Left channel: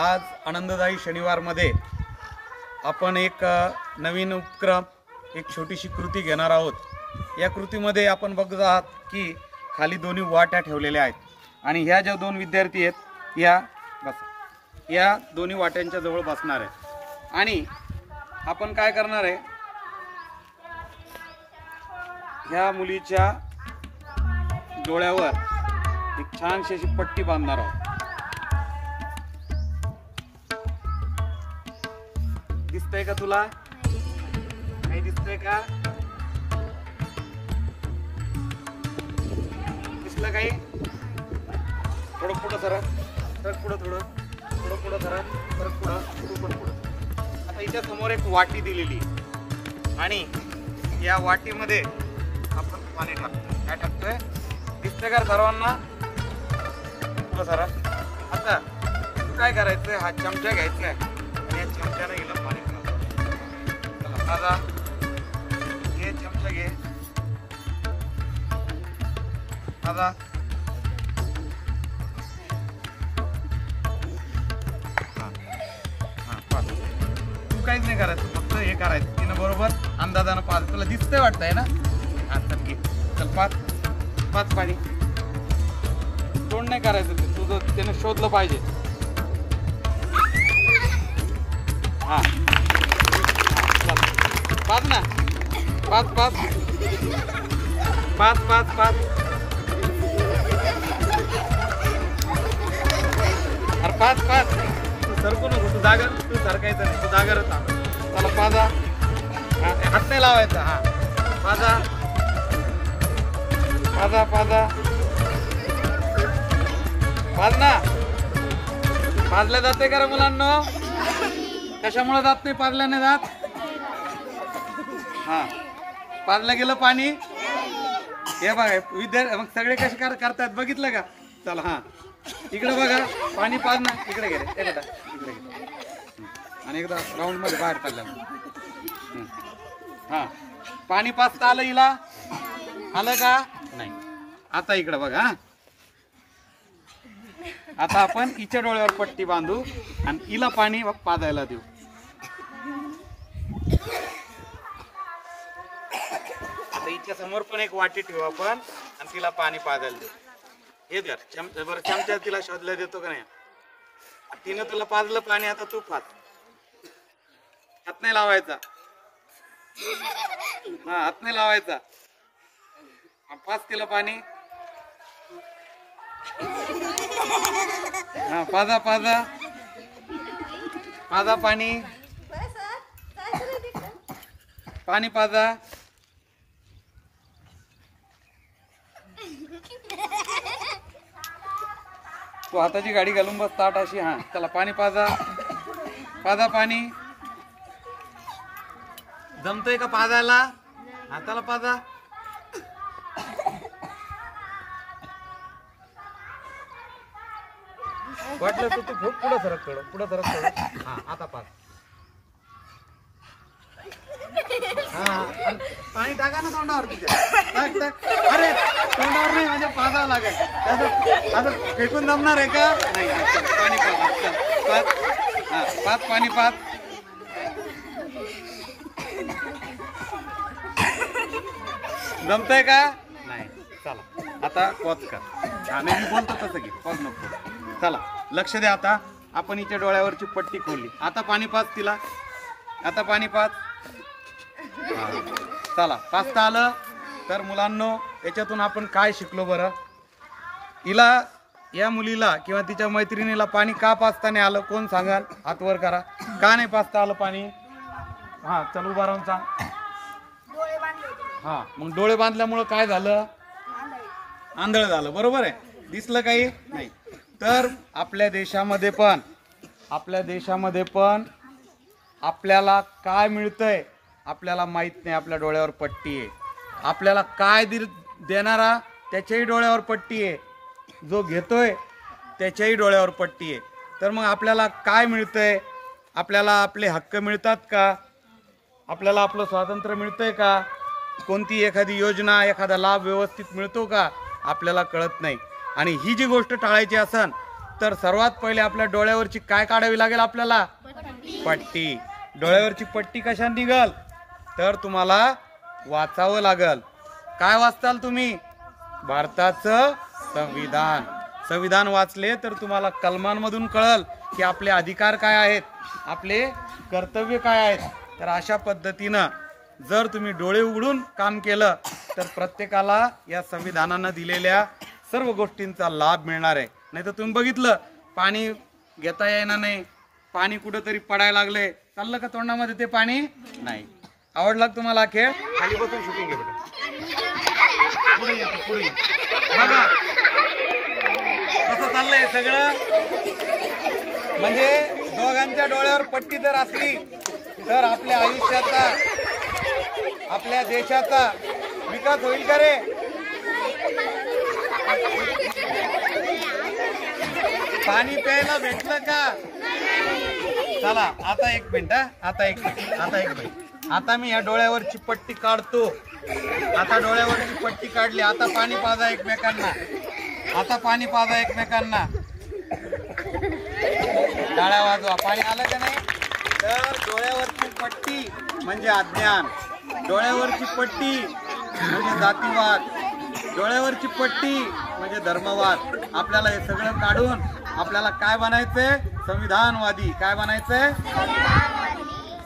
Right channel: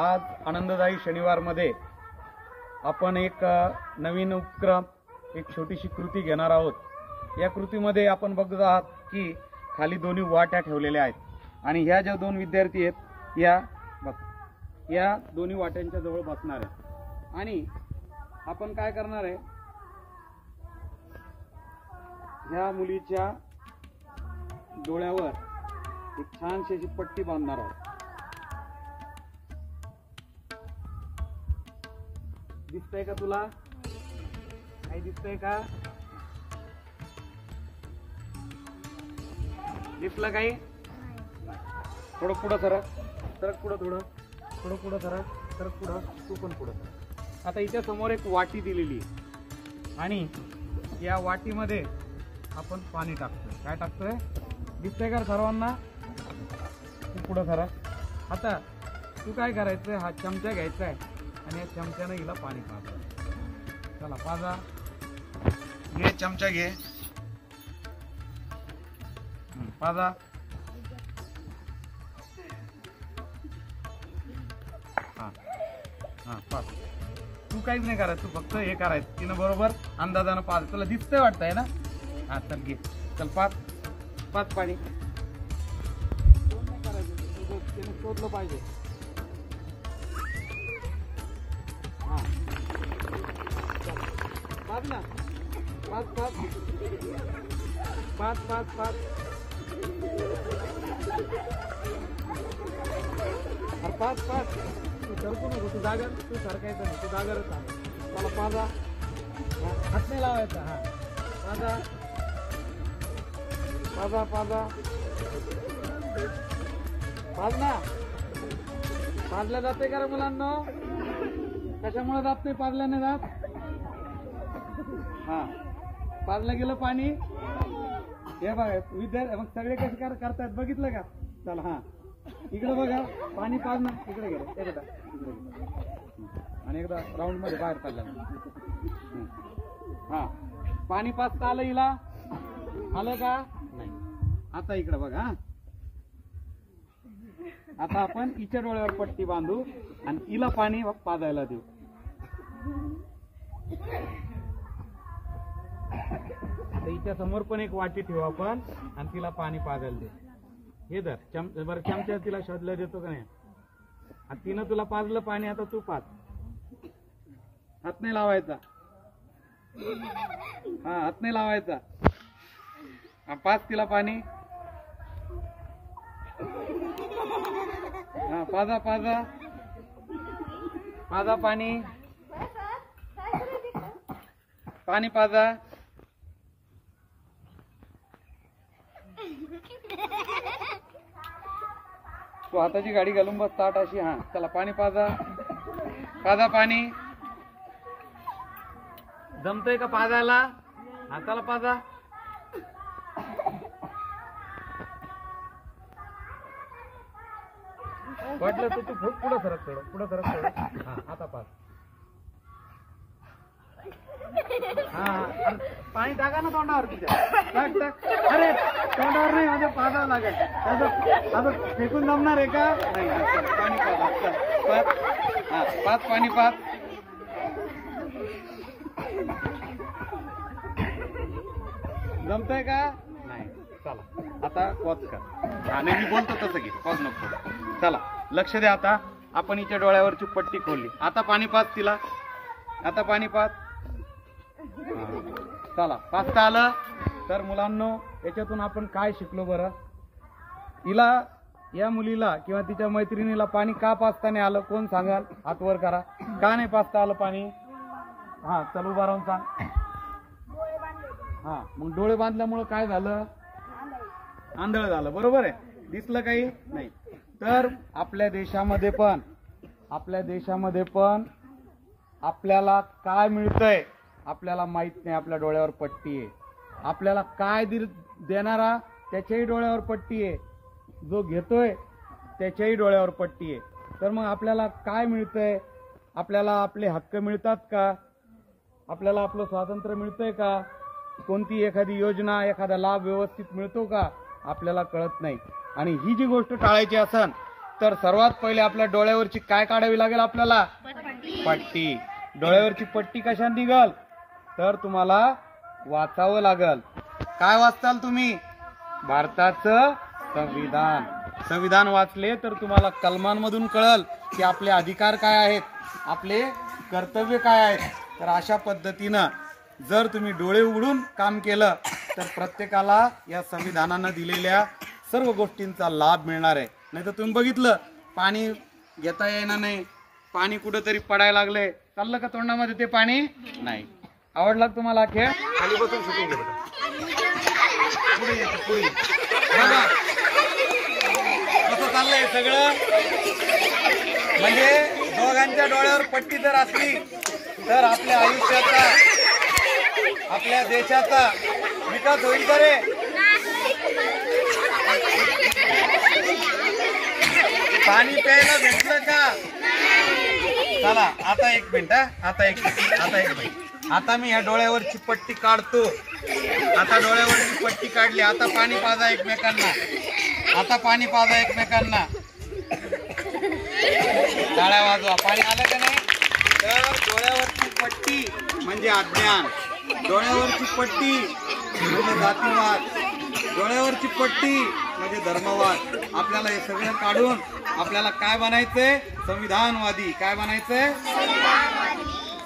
आज आनंददायी शनिवारमध्ये आपण एक नवीन उपक्रम, एक छोटीशी कृती घेणार आहोत। या कृतीमध्ये आपण बघत आहात की खाली दोन्ही वाट्या ठेवलेल्या आहेत आणि ह्या ज्या दोन विद्यार्थी आहेत या दोन्ही वाट्यांच्या जवळ बसणार आहे आणि आपण काय करणार आहे, ह्या मुलीच्या डोळ्यावर एक छानशी अशी पट्टी बांधणार आहोत। दिसतंय का तुला? काही दिसतंय का? दिसलं काही? थोडं पुढं सरक पुढं, थोडं पुढं सरक पुढं, तू पण पुढं। आता इथे समोर एक वाटी दिलेली आहे आणि या वाटीमध्ये आपण पाणी टाकतोय। काय टाकतोय दिसतंय का सर्वांना? पुढं सरक। आता तू काय करायचंय, हा चमचा घ्यायचा आहे आणि या चमच्याने हिला पाणी टाकायचं। चला माझा घे, चमचा घे माझा। पाच। तू काहीच नाही करायचं, तू फक्त हे करायचं, तिनं बरोबर अंदाजानं पाच। तुला दिसतंय वाटतंय ना? हा चल घे, चल पाच पाणी। तोंड नाही करायचं, तुझं त्यानं शोधलं पाहिजे। हा पाच ना, पाच अरे पाच। तू सरकू नको, तू सरकायचं नाही, तू जागरच राहा। चला पाजा, हात नाही लावायचा। हा पाजा पाज ना। पाजल्या जाते का रे मुलांनो? कशामुळे जात नाही पाजल्याने जात? हा पाजलं गेलं पाणी। हे बघा विद्यार्थी मग सगळे कसे करतात बघितलं का? चला हा इकडे बघा, पाणी पाज ना। इकडे घे रे, बेटा इकडे घे आणि एकदा राऊंड मध्ये बाहेर काढलं ना। हा पाणी पाजता आलं हिला? आलं का? नाही। आता इकडे बघा, आता आपण हिच्या डोळ्यावर पट्टी बांधू आणि हिला पाणी पाजायला देऊ। आता हिच्या समोर पण एक वाटी ठेवू आपण आणि तिला पाणी पाजायला देऊ। हे धर बरं, चमचा तिला शोधला देतो का नाही? तिनं तुला पाजलं पाणी, आता तू पाज। हात नाही लावायचा, हा हात नाही लावायचा। पाज तिला पाणी। हा पाजा पाणी पाजा। तू हाताची गाडी घालून बस ताट अशी। हा चला पाणी पाजा पाणी। जमतंय का पाजायला? हाताला पाजा। वाटलं तर तू खूप पुढे सरक। हा आता पाज। हा पाणी टाका ना तोंडावर टाक। अरे तोंडावर नाही, म्हणजे पाजावं लागेल। असं फेकून जमणार आहे का? नाही। चल पाणी पाज, हा पाच पाणी पाज। जमतंय का? नाही। चला आता पॉज कर। हा नाही, मी बोलतो तसं घे, पॉज नको। चला लक्ष द्या, आता आपण हिच्या डोळ्यावरची पट्टी खोलली। आता पाणी पाज तिला, आता पाणी पाज। चला पाजता आलं तर मुलांनो, याच्यातून आपण काय शिकलो बरं? हिला, या मुलीला किंवा तिच्या मैत्रिणीला पाणी का पाजता नाही आलं? कोण सांगाल? हात वर करा। का नाही पाजता आलं पाणी? हा चल उभा राहून सांग। हा मग डोळे बांधल्यामुळं काय झालं? आंधळ झालं, बरोबर आहे? दिसलं काही नाही? तर आपल्या देशामध्ये पण आपल्याला काय मिळतंय आपल्याला माहित नाही। आपल्या डोळ्यावर पट्टी आहे। आपल्याला काय देणारा त्याच्याही डोळ्यावर पट्टी आहे, जो घेतोय त्याच्याही डोळ्यावर पट्टी आहे। तर मग आपल्याला काय मिळतंय? आपल्याला आपले हक्क मिळतात का? आपल्याला आपलं स्वातंत्र्य मिळतंय का? कोणती एखादी योजना, एखादा लाभ व्यवस्थित मिळतो का? आपल्याला कळत नाही। आणि ही जी गोष्ट टाळायची असन तर सर्वात पहिले आपल्या डोळ्यावरची काय काढावी लागेल आपल्याला? पट्टी. डोळ्यावरची पट्टी कशा निघल? तर तुम्हाला वाचावं लागल. काय वाचताल तुम्ही? भारताचं संविधान. संविधान वाचले तर तुम्हाला कलमांमधून कळल की आपले अधिकार काय आहेत, आपले कर्तव्य काय आहेत. तर अशा पद्धतीनं जर तुम्ही डोळे उघडून काम केलं तर प्रत्येकाला या संविधानानं दिलेल्या सर्व गोष्टींचा लाभ मिळणार आहे. नाही तर तुम्ही बघितलं पाणी घेता येणार नाही, पाणी कुठंतरी पडायला लागले, चाललं का तोंडामध्ये ते पाणी? नाही. आवडला तुम्हाला खेळ? खाली बसून शूटिंग घे बेटा. पुढे ये, पुढे ये. बघा कसं चाललंय सगळं. म्हणजे दोघांच्या डोळ्यावर पट्टी जर असली तर आपल्या आयुष्याचा, आपल्या देशाचा विकास होईल का रे? पाणी प्यायला भेटलं का? चला आता एक मिनिट, आता एक मिनिट. आता मी या डोळ्यावरची पट्टी काढतो. आता डोळ्यावरची पट्टी काढली. आता पाणी पाजा एकमेकांना. आता पाणी पाजा एकमेकांना. टाळ्या वाजवा. पाणी आलं का नाही? तर डोळ्यावरची पट्टी म्हणजे अज्ञान, डोळ्यावरची पट्टी म्हणजे जातीवाद, डोळ्यावरची पट्टी म्हणजे धर्मवाद. आपल्याला हे सगळं काढून आपल्याला काय बनायचंय? संविधानवादी. काय बनायचंय?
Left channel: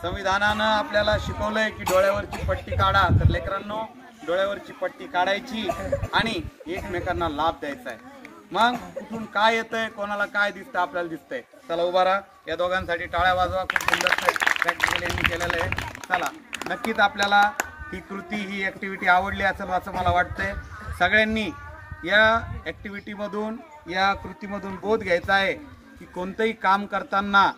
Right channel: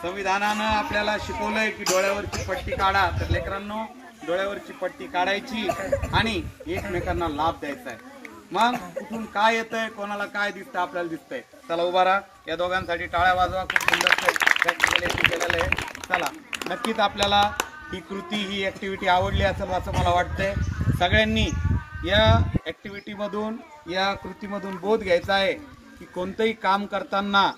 संविधानानं आपल्याला शिकवलंय की डोळ्यावरची पट्टी काढा. तर लेकरांनो डोळ्यावरची पट्टी काढायची आणि एकमेकांना लाभ द्यायचा आहे. मग कुठून काय येतंय, कोणाला काय दिसतं, आपल्याला दिसतंय. चला उभा राहा. या दोघांसाठी टाळ्या वाजवा. खूप सुंदर प्रॅक्टिकल केलेलं आहे. चला नक्कीच आपल्याला ही कृती, ही ऍक्टिव्हिटी आवडली असेल असं मला वाटतंय. सगळ्यांनी या ऍक्टिव्हिटीमधून, या कृतीमधून बोध घ्यायचा आहे की कोणतंही काम करताना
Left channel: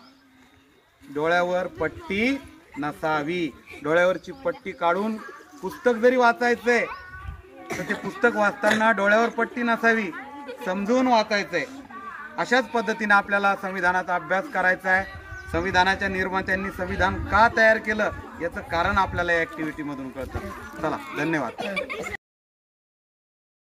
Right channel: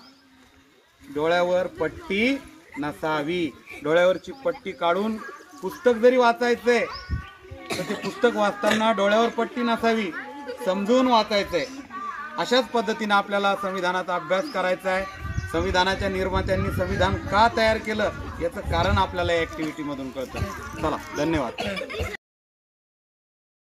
डोळ्यावर पट्टी नसावी. डोळ्यावरची पट्टी काढून पुस्तक जरी वाचायचंय तर ते पुस्तक वाचताना डोळ्यावर पट्टी नसावी, समजून वाचायचंय. अशाच पद्धतीने आपल्याला संविधानाचा अभ्यास करायचा आहे. संविधानाच्या निर्मात्यांनी संविधान का तयार केलं याचं कारण आपल्याला या ऍक्टिव्हिटी मधून कळतं. चला धन्यवाद.